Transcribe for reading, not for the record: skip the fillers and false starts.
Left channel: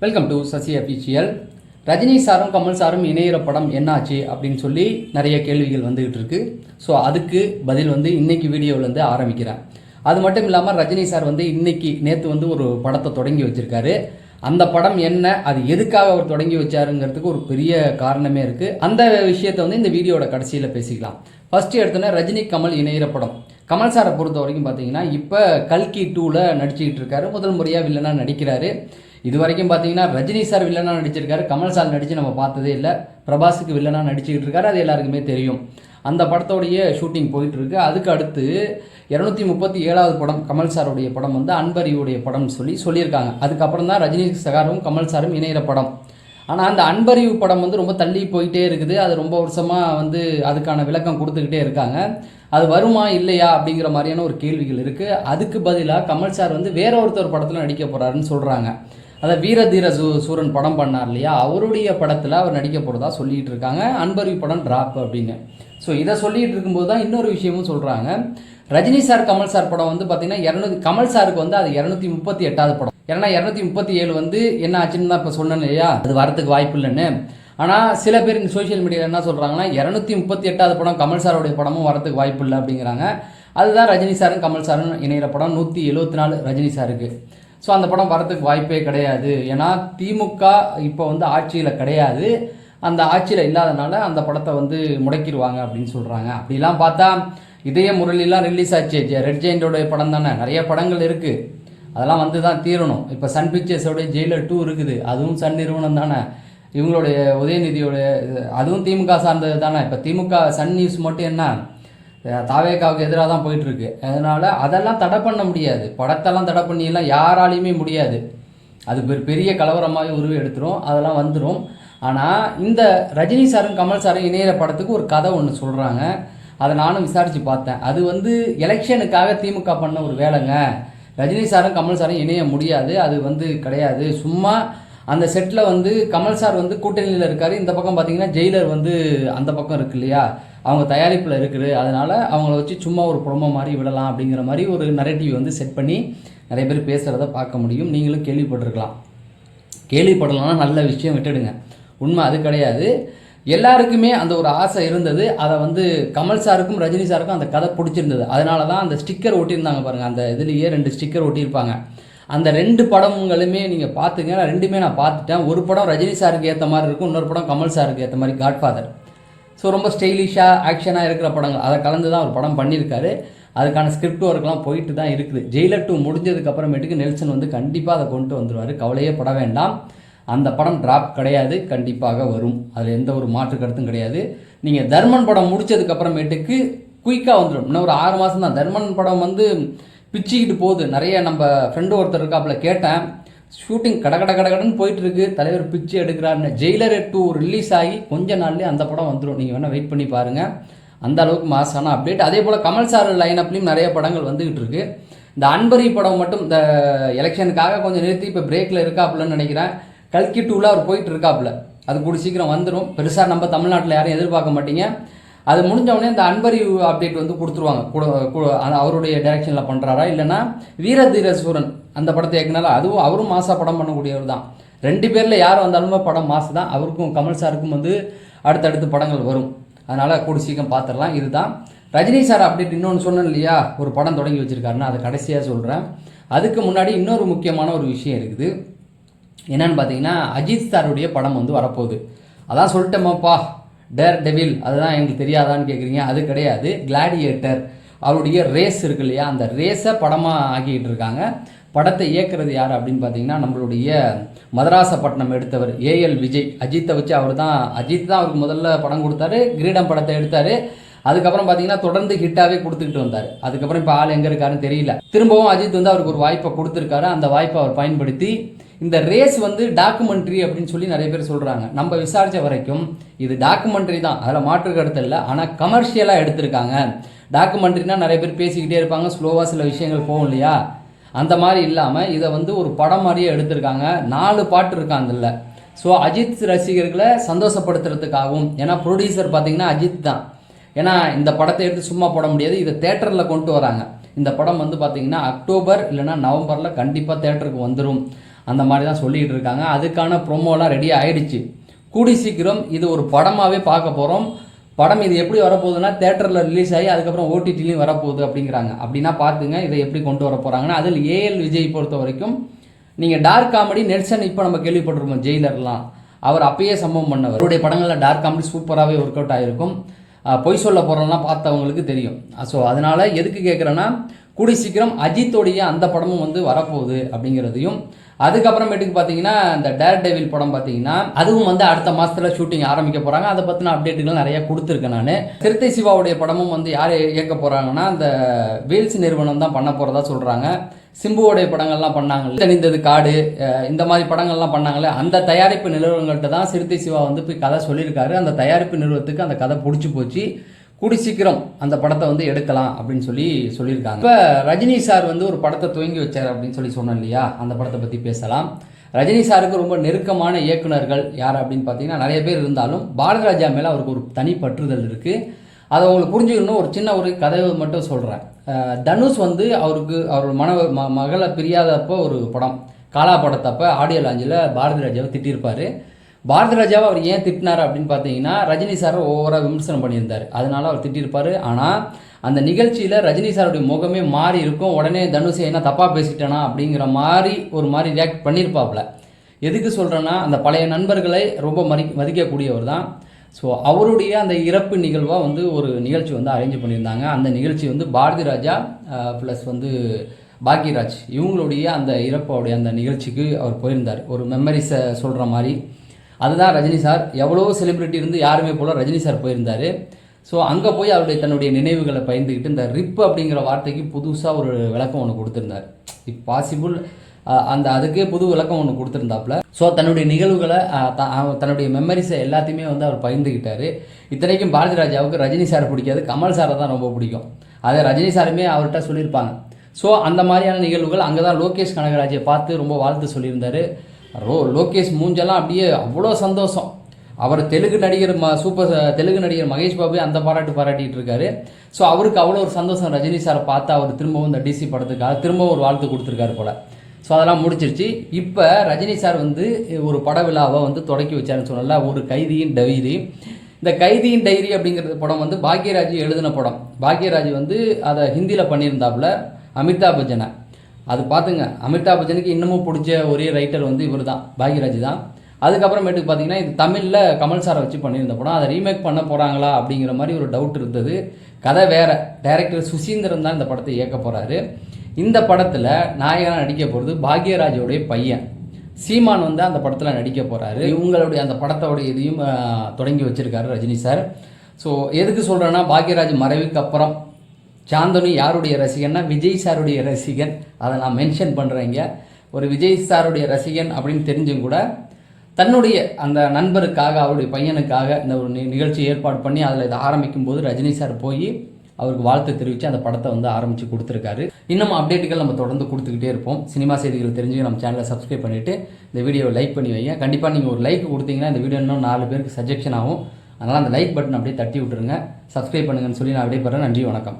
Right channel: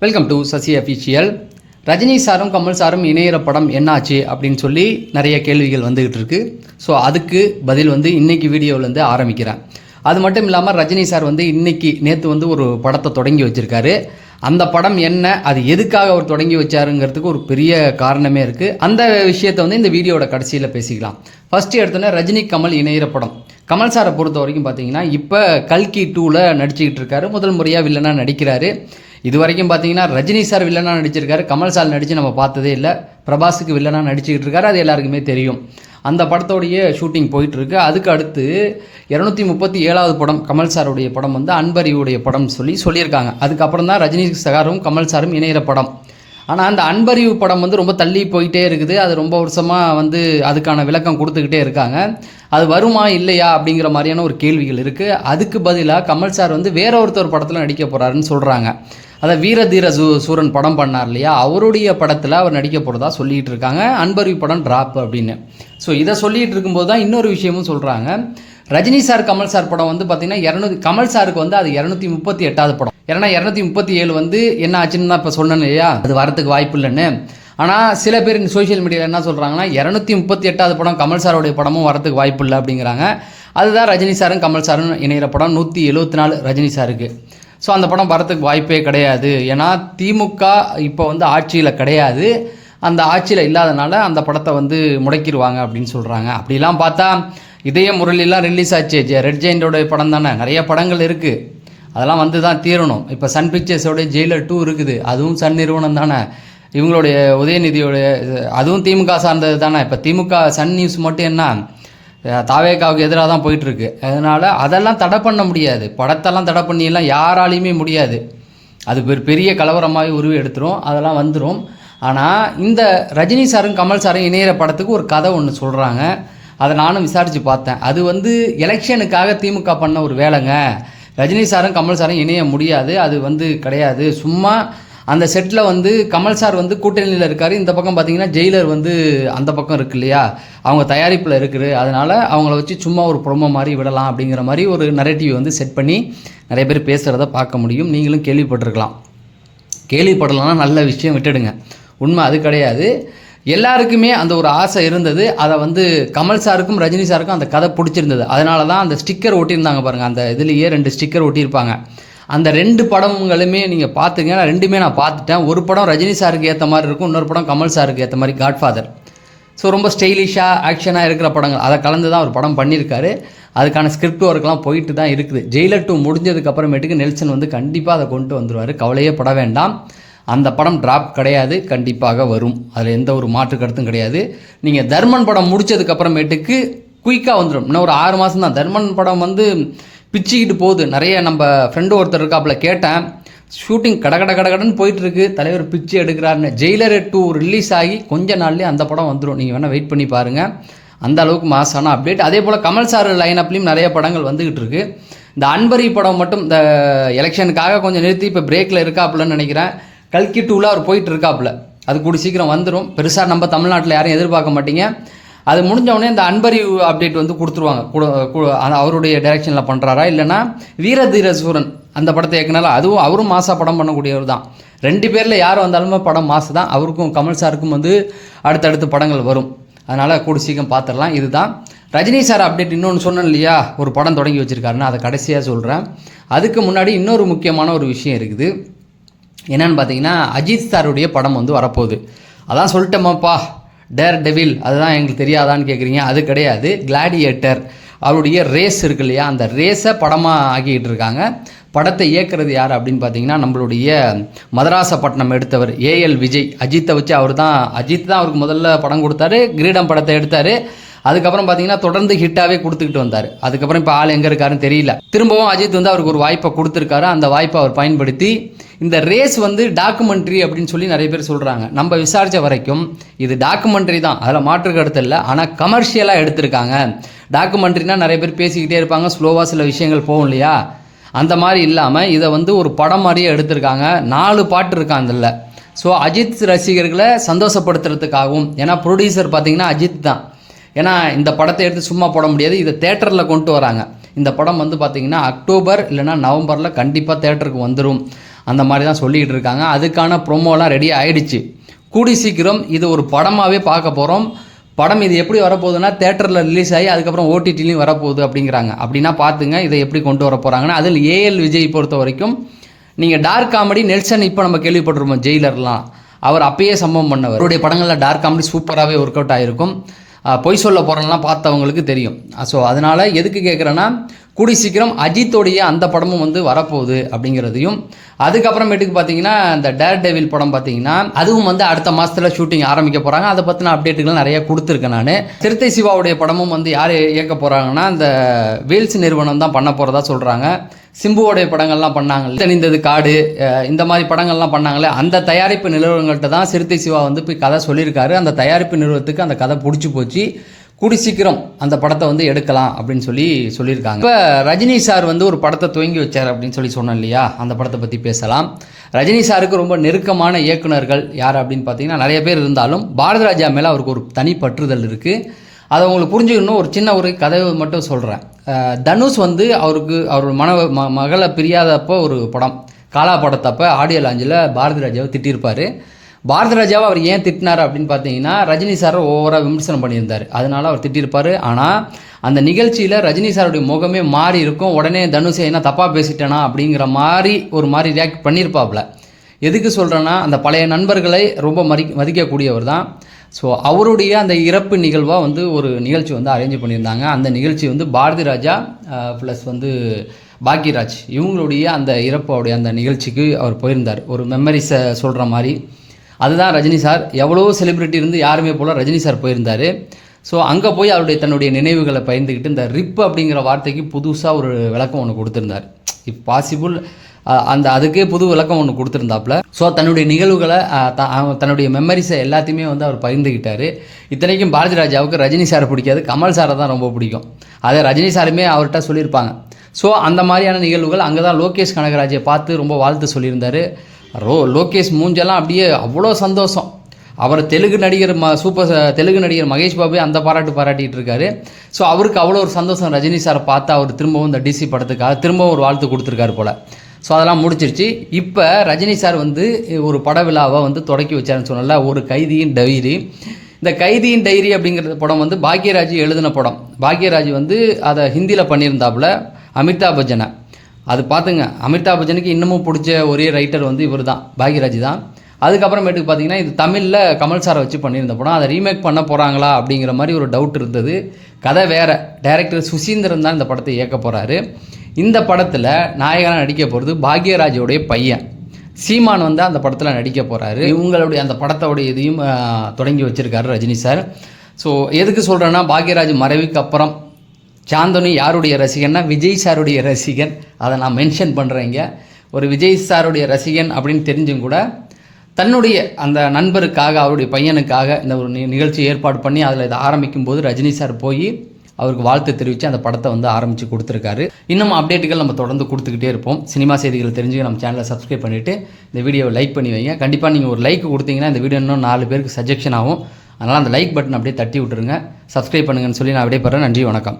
Welcome to Sasi official. Rajini சாரும் கமல் சாரும் இணையிற படம் என்னாச்சு அப்படின்னு சொல்லி நிறைய கேள்விகள் வந்துகிட்டு இருக்கு. ஸோ அதுக்கு பதில் இன்னைக்கு வீடியோவிலேருந்து ஆரம்பிக்கிறேன். அது மட்டும் இல்லாமல் ரஜினி சார் நேற்று ஒரு படத்தை தொடங்கி வச்சுருக்காரு. அந்த படம் என்ன, அது எதுக்காக அவர் தொடங்கி வச்சாருங்கிறதுக்கு ஒரு பெரிய காரணமே இருக்குது. அந்த விஷயத்தை இந்த வீடியோட கடைசியில் பேசிக்கலாம். ஃபஸ்ட்டு எடுத்தோன்னே ரஜினி கமல் இணையிற படம். கமல் சாரை பொறுத்த வரைக்கும் பார்த்தீங்கன்னா இப்போ கல்கி 2ல் நடிச்சுக்கிட்டு இருக்காரு. முதல் முறையாக வில்லனாக நடிக்கிறாரு. இது வரைக்கும் பார்த்தீங்கன்னா ரஜினி சார் வில்லனாக நடிச்சிருக்காரு, கமல் சார் நடித்து நம்ம பார்த்ததே இல்லை. பிரபாஸுக்கு வில்லனாக நடிச்சுக்கிட்டு இருக்காரு, அது எல்லாருக்குமே தெரியும். அந்த படத்தோடைய ஷூட்டிங் போயிட்டுருக்கு. அதுக்கு அடுத்து 237வது படம் கமல் சாருடைய படம் அன்பறிவுடைய படம் சொல்லியிருக்காங்க. அதுக்கப்புறம் தான் ரஜினி சாரும் கமல் சாரும் இணையிற படம். ஆனால் அந்த அன்பறிவு படம் ரொம்ப தள்ளி போயிட்டே இருக்குது. அது ரொம்ப வருஷமாக அதுக்கான விளக்கம் கொடுத்துக்கிட்டே இருக்காங்க. அது வருமா இல்லையா அப்படிங்கிற மாதிரியான ஒரு கேள்விகள் இருக்குது. அதுக்கு பதிலாக கமல் சார் வேற ஒருத்தர் படத்தில் நடிக்க போகிறாருன்னு சொல்கிறாங்க. அதை வீரதீர சூரன் படம் பண்ணார் இல்லையா, அவருடைய படத்தில் அவர் நடிக்க போகிறதா சொல்லிகிட்டு இருக்காங்க. அன்பறிவு படம் ட்ராப் அப்படின்னு. ஸோ இதை சொல்லிகிட்டு இருக்கும்போது தான் இன்னொரு விஷயமும் சொல்கிறாங்க. ரஜினி சார் கமல் சார் படம் பார்த்தீங்கன்னா கமல் சாருக்கு அது 238வது படம். ஏன்னா 237 என்ன ஆச்சுன்னு தான் இப்போ சொன்னேன் இல்லையா, அது வரத்துக்கு வாய்ப்பு இல்லைன்னு. ஆனால் சில பேர் சோஷியல் மீடியாவில் என்ன சொல்கிறாங்கன்னா 238வது படம் கமல் சாரோடைய படமும் வரத்துக்கு வாய்ப்பு இல்லை அப்படிங்கிறாங்க. அதுதான் ரஜினி சாரும் கமல் சாரும் இணைகிற படம் 174 ரஜினி சாருக்கு. ஸோ அந்த படம் வரத்துக்கு வாய்ப்பே கிடையாது. ஏன்னா திமுக இப்போ ஆட்சியில் கிடையாது. அந்த ஆட்சியில் இல்லாதனால அந்த படத்தை முடக்கிடுவாங்க அப்படின்னு சொல்கிறாங்க. அப்படிலாம் பார்த்தா இதய முரளிலாம் ரிலீஸ் ஆச்சு, ரெட் ஜெயிண்டோடைய படம் தானே. நிறைய படங்கள் இருக்குது, அதெல்லாம் தான் தீரணும். இப்போ சன் பிக்சர்ஸோடைய ஜெயிலர் 2 இருக்குது, அதுவும் சன் நிறுவனம் தானே. இவங்களுடைய உதயநிதியோடைய அதுவும் திமுக சார்ந்தது தானே. இப்போ திமுக சன் நியூஸ் மட்டும் என்ன தாவேக்காவுக்கு எதிராக தான் போயிட்டுருக்கு. அதனால் அதெல்லாம் தடை பண்ண முடியாது. படத்தெல்லாம் தடை பண்ணியெல்லாம் யாராலையுமே முடியாது. அது பெரிய கலவரமாகவே உருவி எடுத்துரும், அதெல்லாம் வந்துடும். ஆனால் இந்த ரஜினி சாரும் கமல் சாரும் இணையிற படத்துக்கு ஒரு கதை ஒன்று சொல்கிறாங்க. அதை நானும் விசாரித்து பார்த்தேன். அது எலெக்ஷனுக்காக திமுக பண்ண ஒரு வேலைங்க. ரஜினி சாரும் கமல் சாரும் இணைய முடியாது, அது கிடையாது. சும்மா அந்த செட்டில் கமல் சார் கூட்டணியில் இருக்கார். இந்த பக்கம் பார்த்தீங்கன்னா ஜெயிலர் அந்த பக்கம் இருக்கு இல்லையா, அவங்க தயாரிப்பில் இருக்குது. அதனால் அவங்கள வச்சு சும்மா ஒரு ப்ரொமோ மாதிரி விடலாம் அப்படிங்கிற மாதிரி ஒரு நரேட்டிவ் செட் பண்ணி நிறைய பேர் பேசுகிறத பார்க்க முடியும். நீங்களும் கேள்விப்பட்டிருக்கலாம். கேள்விப்படலாம், நல்ல விஷயம், விட்டுடுங்க. உண்மை அது கிடையாது. எல்லாருக்குமே அந்த ஒரு ஆசை இருந்தது. அதை கமல் சாருக்கும் ரஜினி சாருக்கும் அந்த கதை பிடிச்சிருந்தது. அதனால தான் அந்த ஸ்டிக்கர் ஒட்டியிருந்தாங்க பாருங்கள். அந்த இதுலேயே 2 ஸ்டிக்கர் ஒட்டியிருப்பாங்க. அந்த 2 படங்களுமே நீங்கள் பார்த்துங்க. நான் 2மே நான் பார்த்துட்டேன். ஒரு படம் ரஜினி சாருக்கு ஏற்ற மாதிரி இருக்கும், இன்னொரு படம் கமல் சாருக்கு ஏற்ற மாதிரி, காட்ஃபாதர். ஸோ ரொம்ப ஸ்டைலிஷாக ஆக்ஷனாக இருக்கிற படங்கள், அதை கலந்து தான் ஒரு படம் பண்ணியிருக்காரு. அதுக்கான ஸ்கிரிப்ட் ஒர்க்லாம் போயிட்டு தான் இருக்குது. ஜெயிலர் 2 முடிஞ்சதுக்கப்புறமேட்டுக்கு நெல்சன் கண்டிப்பாக அதை கொண்டு வந்துடுவார், கவலையே பட வேண்டாம். அந்த படம் ட்ராப் கிடையாது, கண்டிப்பாக வரும். அதில் எந்த ஒரு மாற்று கருத்தும் கிடையாது. நீங்கள் தர்மன் படம் முடித்ததுக்கப்புறமேட்டுக்கு குயிக்காக வந்துடும். இன்னும் ஒரு 6 மாதம் தான். தர்மன் படம் பிச்சுக்கிட்டு போகுது. நிறைய நம்ம ஃப்ரெண்டு ஒருத்தர் இருக்காப்புல கேட்டேன், ஷூட்டிங் கடன்னு போயிட்டுருக்கு, தலைவர் பிச்சு எடுக்கிறாருன்னு. ஜெயிலர் 2 ரிலீஸ் ஆகி கொஞ்ச நாள்லேயே அந்த படம் வந்துடும். நீங்கள் வேணால் வெயிட் பண்ணி பாருங்கள். அந்த அளவுக்கு மாசான அப்டேட். அதே போல் கமல் சார் லைனப்லேயும் நிறைய படங்கள் வந்துக்கிட்டு இருக்கு. இந்த அன்பரி படம் மட்டும் இந்த எலெக்ஷனுக்காக கொஞ்சம் நிறுத்தி இப்போ பிரேக்கில் இருக்காப்புலன்னு நினைக்கிறேன். கல்கி 2ல் அவர் போயிட்டு இருக்காப்புல. அது கூடி சீக்கிரம் வந்துடும். பெருசாக நம்ம தமிழ்நாட்டில் யாரும் எதிர்பார்க்க மாட்டீங்க. அது முடிஞ்சவொடனே இந்த அன்பறிவு அப்டேட் கொடுத்துருவாங்க. அவருடைய டைரக்ஷனில் பண்ணுறாரா இல்லைனா வீரதீர சூரன் அந்த படத்தை இயக்குனால, அதுவும் அவரும் மாசா படம் பண்ணக்கூடியவர் தான். 2 பேரில் யார் வந்தாலுமே படம் மாசு தான். அவருக்கும் கமல் சாருக்கும் அடுத்தடுத்து படங்கள் வரும். அதனால் கூடி சீக்கிரம் பார்த்துடலாம். இதுதான் ரஜினி சார் அப்டேட். இன்னொன்று சொன்னேன் இல்லையா, ஒரு படம் தொடங்கி வச்சுருக்காருன்னு, அதை கடைசியாக சொல்கிறேன். அதுக்கு முன்னாடி இன்னொரு முக்கியமான ஒரு விஷயம் இருக்குது. என்னென்னு பார்த்தீங்கன்னா, அஜித் சாருடைய படம் வரப்போகுது. அதான் சொல்லிட்டோமாப்பா, டேர் டெவில், அதுதான் எங்களுக்கு தெரியாதான்னு கேட்குறீங்க. அது கிடையாது. கிளாடியேட்டர் அவருடைய ரேஸ் இருக்கு இல்லையா, அந்த ரேஸை படமாக ஆக்கிக்கிட்டு இருக்காங்க. படத்தை இயக்குறது யார் அப்படின்னு பார்த்தீங்கன்னா, நம்மளுடைய மதராசப்பட்டினம் எடுத்தவர் ஏஎல் விஜய். அஜித்தை வச்சு அஜித் தான் அவருக்கு முதல்ல படம் கொடுத்தாரு, கிரீடம் படத்தை எடுத்தார். அதுக்கப்புறம் பார்த்தீங்கன்னா தொடர்ந்து ஹிட்டாகவே கொடுத்துக்கிட்டு வந்தார். அதுக்கப்புறம் இப்போ ஆள் எங்கே இருக்காருன்னு தெரியல. திரும்பவும் அஜித் அவருக்கு ஒரு வாய்ப்பை கொடுத்துருக்காரு. அந்த வாய்ப்பை அவர் பயன்படுத்தி இந்த ரேஸ் டாக்குமெண்ட்ரி அப்படின்னு சொல்லி நிறைய பேர் சொல்கிறாங்க. நம்ம விசாரித்த வரைக்கும் இது டாக்குமெண்ட்ரி தான், அதில் மாற்று கருத்து இல்லை. ஆனால் கமர்ஷியலாக எடுத்திருக்காங்க. டாக்குமெண்ட்ரினா நிறைய பேர் பேசிக்கிட்டே இருப்பாங்க, ஸ்லோவாக சில விஷயங்கள் போகும் இல்லையா, அந்த மாதிரி இல்லாமல் இதை ஒரு படம் மாதிரியே எடுத்திருக்காங்க. 4 பாட்டு இருக்காங்க அதில். ஸோ அஜித் ரசிகர்களை சந்தோஷப்படுத்துறதுக்காகவும், ஏன்னா ப்ரொடியூசர் பார்த்தீங்கன்னா அஜித் தான். ஏன்னா இந்த படத்தை எடுத்து சும்மா போட முடியாது, இதை தேட்டரில் கொண்டு வராங்க. இந்த படம் பார்த்தீங்கன்னா அக்டோபர் இல்லைனா நவம்பரில் கண்டிப்பாக தேட்டருக்கு வந்துடும். அந்த மாதிரி தான் சொல்லிகிட்டு இருக்காங்க. அதுக்கான ப்ரோமோலாம் ரெடி ஆகிடுச்சு. கூடி சீக்கிரம் இது ஒரு படமாகவே பார்க்க போகிறோம். படம் இது எப்படி வரப்போகுதுன்னா தேட்டரில் ரிலீஸ் ஆகி அதுக்கப்புறம் ஓடிடிலையும் வரப்போகுது அப்படிங்கிறாங்க. அப்படின்னா பார்த்துங்க இதை எப்படி கொண்டு வர போகிறாங்கன்னா, அதில் ஏஎல் விஜய் பொறுத்த வரைக்கும் நீங்கள் டார்க் காமெடி நெல்சன் இப்போ நம்ம கேள்விப்பட்டிருப்போம் ஜெயிலர்லாம், அவர் அப்பயே சம்பவம் பண்ணவர். அவருடைய படங்களில் டார்க் காமெடி சூப்பராகவே ஒர்க் அவுட் ஆகிருக்கும். பொய் சொல்ல போகிறலாம் பார்த்தவங்களுக்கு தெரியும். ஸோ அதனால் எதுக்கு கேட்குறேன்னா, கூடி சீக்கிரம் அஜித்தோடைய அந்த படமும் வந்து வரப்போகுது அப்படிங்கிறதையும், அதுக்கப்புறமேட்டுக்கு பார்த்தீங்கன்னா இந்த டேர் டெவில் படம் பார்த்தீங்கன்னா அதுவும் வந்து அடுத்த மாதத்தில் ஷூட்டிங் ஆரம்பிக்க போகிறாங்க. அதை பற்றின அப்டேட்டுகள் நிறையா கொடுத்துருக்கேன் நான். சிறுத்தை சிவாவுடைய படமும் வந்து யார் இயக்க போகிறாங்கன்னா இந்த வேல்ஸ் நிறுவனம் தான் பண்ண போகிறதா சொல்கிறாங்க. சிம்புவோடைய படங்கள்லாம் பண்ணாங்க, தெரிந்தது காடு, இந்த மாதிரி படங்கள்லாம் பண்ணாங்களே, அந்த தயாரிப்பு நிறுவனங்கள்கிட்ட தான் சிறுத்தை சிவா வந்து போய் கதை சொல்லியிருக்காரு. அந்த தயாரிப்பு நிறுவனத்துக்கு அந்த கதை பிடிச்சி போச்சு. கூடி சீக்கிரம் அந்த படத்தை வந்து எடுக்கலாம் அப்படின்னு சொல்லியிருக்காங்க. இப்போ ரஜினி சார் வந்து ஒரு படத்தை துவங்கி வச்சார் அப்படின்னு சொன்னேன் இல்லையா, அந்த படத்தை பற்றி பேசலாம். ரஜினி சாருக்கு ரொம்ப நெருக்கமான இயக்குனர்கள் யார் அப்படின்னு பார்த்தீங்கன்னா நிறைய பேர் இருந்தாலும் பாரதிராஜா மேலே அவருக்கு ஒரு தனி பற்றுதல் இருக்குது. அதை உங்களுக்கு புரிஞ்சுக்கணும். ஒரு கதை மட்டும் சொல்கிறேன். தனுஷ் வந்து அவர் மகளை பிரியாதப்போ ஒரு படம் காலா படத்தப்போ ஆடியோ லாஞ்சில் பாரதிராஜாவை திட்டியிருப்பார். பாரதிராஜாவை அவர் ஏன் திட்டினார் அப்படின்னு பார்த்தீங்கன்னா, ரஜினி சாரை ஓவராக விமர்சனம் பண்ணியிருந்தார், அதனால அவர் திட்டியிருப்பார். ஆனால் அந்த நிகழ்ச்சியில் ரஜினி சாருடைய முகமே மாறி இருக்கும். உடனே தனுஷை என்ன தப்பாக பேசிட்டேனா அப்படிங்கிற மாதிரி ஒரு மாதிரி ரியாக்ட் பண்ணியிருப்பாப்புல. எதுக்கு சொல்கிறேன்னா, அந்த பழைய நண்பர்களை ரொம்ப மதிக்கக்கூடியவர் தான். ஸோ அவருடைய அந்த இறப்பு நிகழ்வாக வந்து ஒரு நிகழ்ச்சி வந்து அரேஞ்ச் பண்ணியிருந்தாங்க. அந்த நிகழ்ச்சி வந்து பாரதிராஜா ப்ளஸ் வந்து பாக்யராஜ் இவங்களுடைய அந்த இறப்போடைய அந்த நிகழ்ச்சிக்கு அவர் போயிருந்தார். ஒரு மெமரிஸை சொல்கிற மாதிரி அதுதான் ரஜினி சார். எவ்வளோ செலிப்ரிட்டி இருந்து யாருமே போல் ரஜினி சார் போயிருந்தார். ஸோ அங்கே போய் தன்னுடைய நினைவுகளை பகிர்ந்துக்கிட்டு இந்த ரிப் அப்படிங்கிற வார்த்தைக்கு புதுசாக ஒரு விளக்கம் ஒன்று கொடுத்துருந்தார். இப் பாசிபிள் அதுக்கே புது விளக்கம் ஒன்று கொடுத்துருந்தாப்புல. ஸோ தன்னுடைய நிகழ்வுகளை தன்னுடைய மெமரிஸை எல்லாத்தையுமே வந்து அவர் பகிர்ந்துக்கிட்டார். இத்தனைக்கும் பாரதிராஜாவுக்கு ரஜினி சாரை பிடிக்காது, கமல் சாரை தான் ரொம்ப பிடிக்கும். அதை ரஜினி சாருமே அவர்கிட்ட சொல்லியிருப்பாங்க. ஸோ அந்த மாதிரியான நிகழ்வுகள் அங்கே தான் லோகேஷ் கனகராஜை பார்த்து ரொம்ப வாழ்த்து சொல்லியிருந்தார். லோகேஷ் மூஞ்செல்லாம் அப்படியே அவ்வளோ சந்தோஷம். அவர் தெலுங்கு நடிகர் தெலுங்கு நடிகர் மகேஷ் பாபு அந்த பாராட்டிகிட்டு இருக்காரு. ஸோ அவருக்கு அவ்வளோ ஒரு சந்தோஷம். ரஜினி சாரை பார்த்து அவர் திரும்பவும் இந்த டிசி படத்துக்காக திரும்பவும் ஒரு வாழ்த்து கொடுத்துருக்காரு போல். ஸோ அதெல்லாம் முடிச்சிருச்சு. இப்போ ரஜினி சார் வந்து ஒரு பட விழாவை வந்து தொடக்கி வச்சாருன்னு சொன்னல, ஒரு கைதியின் டைரி. இந்த கைதியின் டைரி அப்படிங்கிற படம் வந்து பாக்யராஜ் எழுதின படம். பாக்யராஜ் வந்து அதை ஹிந்தியில் பண்ணியிருந்தாப்புல அமிதாப் பச்சனை. அது பார்த்துங்க, அமிதாப் பச்சனுக்கு இன்னமும் பிடிச்ச ஒரே ரைட்டர் வந்து இவர் தான், பாக்யராஜ் தான். அதுக்கப்புறமேட்டுக்கு பார்த்தீங்கன்னா இது தமிழில் கமல் சாரை வச்சு பண்ணியிருந்த படம். அதை ரீமேக் பண்ண போகிறாங்களா அப்படிங்கிற மாதிரி ஒரு டவுட் இருந்தது. கதை வேறு. டைரக்டர் சுசீந்திரன் தான் இந்த படத்தை இயக்க போகிறாரு. இந்த படத்தில் நாயகனாக நடிக்க போகிறது பாக்யராஜோடைய பையன் சீமான் வந்து அந்த படத்தில் நடிக்க போகிறாரு. இவங்களுடைய அந்த படத்தோடைய இதையும் தொடங்கி வச்சுருக்காரு ரஜினி சார். ஸோ எதுக்கு சொல்கிறேன்னா, பாக்யராஜ் மறைவுக்கு அப்புறம் சாந்தனு யாருடைய ரசிகன்னா விஜய் சாருடைய ரசிகன். அதை நான் மென்ஷன் பண்ணுறேங்க. ஒரு விஜய் சாருடைய ரசிகன் அப்படின்னு தெரிஞ்சும் கூட தன்னுடைய அந்த நண்பருக்காக அவருடைய பையனுக்காக இந்த ஒரு நிகழ்ச்சி ஏற்பாடு பண்ணி அதில் இதை ஆரம்பிக்கும் போது ரஜினி சார் போய் அவருக்கு வாழ்த்து தெரிவித்து அந்த படத்தை வந்து ஆரம்பித்து கொடுத்துருக்காரு. இன்னும் அப்டேட்டுகள் நம்ம தொடர்ந்து கொடுத்துக்கிட்டே இருப்போம். சினிமா செய்திகள் தெரிஞ்சு நம்ம சேனலை சப்ஸ்கிரைப் பண்ணிவிட்டு இந்த வீடியோவை லைக் பண்ணி வைங்க. கண்டிப்பாக நீங்கள் ஒரு லைக் கொடுத்தீங்கன்னா இந்த வீடியோ இன்னும் 4 பேருக்கு சஜெக்ஷன் ஆகும். அதனால் அந்த லைக் பட்டன் அப்படியே தட்டி விட்டுருங்க. சப்ஸ்கிரைப் பண்ணுங்கன்னு சொல்லி நான் அப்படியே போகிறேன். நன்றி, வணக்கம்.